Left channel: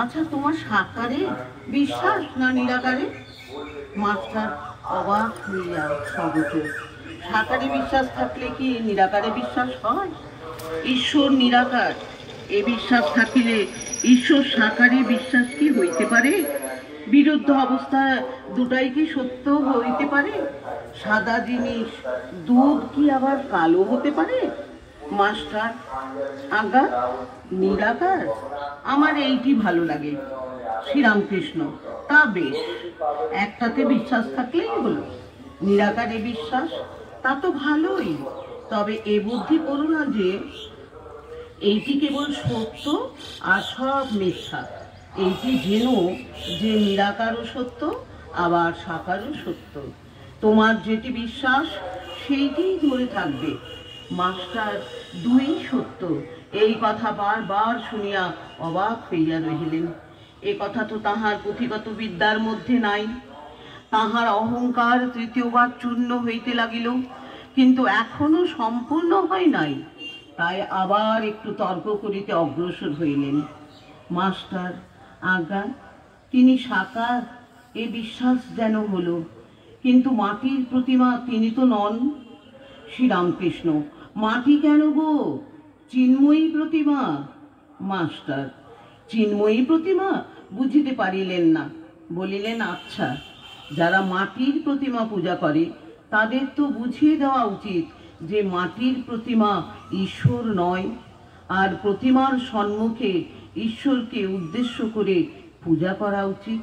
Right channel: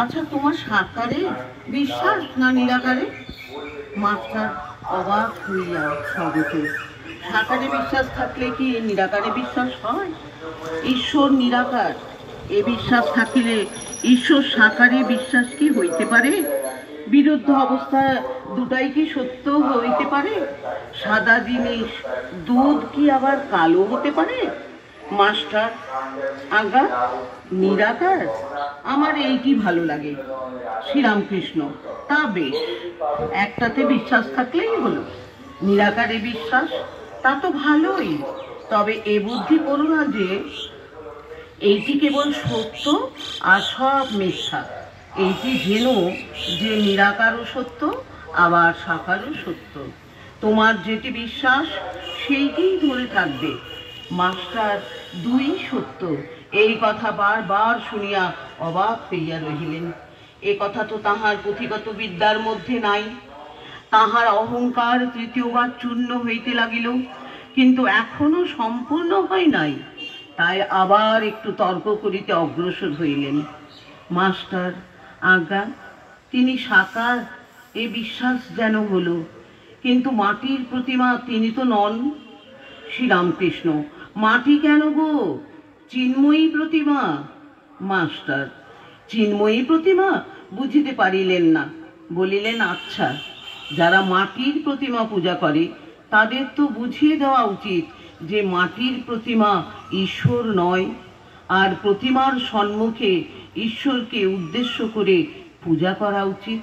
আচ্ছা, তোমার সাকারে বিশ্বাস না নিরাকারে? মাস্টার অবাক হইয়া স্বগতে। সাকারে বিশ্বাস থাকলে কি নিরাকারে বিশ্বাস হয়? ঈশ্বর নিরাকার এ বিশ্বাস থাকিলে ঈশ্বর সাকারে বিশ্বাস কি হইতে পারে? বিরুদ্ধ অবস্থায় দুটাই কি সত্য হইতে পারে? সাদা জিনিস দুধ কি আবার কালো হতে পারে? মাস্টার আজ্ঞা, নিরাকার আমার এইটি ভালো লাগে। শ্রীরামকৃষ্ণ তা বেশ, একটাতে বিশ্বাস থাকলেই হলো। নিরাকারে বিশ্বাস তা তো ভালোই, তবে এ বুদ্ধি করো না যে এইটি কেবল সত্য আর সব মিথ্যা। এইটি যেন যে নিরাকারও সত্য আবার সাকারও সত্য। তোমার যেটি বিশ্বাস সেইটিই ধরে থাকবে। মাস্টার দুই সত্য এই কথা বারবার শুনিয়া অবাক হইয়া রহিলেন। এ কথা তো তাহার পুঁথিগত বিদ্যার মধ্যে নাই। তাহার অহংকার তৃতীয়বার চূর্ণ হইতে লাগিল, কিন্তু এখনো সম্পূর্ণ হয় নাই। তাই আবার একটু তর্ক করিতে অগ্রসর হইলেন। মাস্টার আজ্ঞা, তিনি সাকার এ বিশ্বাস যেন হলো, কিন্তু মাটির প্রতিমা তিনি তো নন। শ্রীরামকৃষ্ণ মাটি কেন গো, চিন্ময়ী প্রতিমা। মাস্টার চিন্ময়ী প্রতিমা বুঝিতে পারিলেন না, বলিলেন আচ্ছা, যারা মাটির প্রতিমা পূজা করে তাদের তো বুঝিয়ে দেওয়া উচিত যে মাটির প্রতিমা ঈশ্বর নয়, আর প্রতিমার সম্মুখে ঈশ্বরকে উদ্দেশ্য করে পূজা করা উচিত।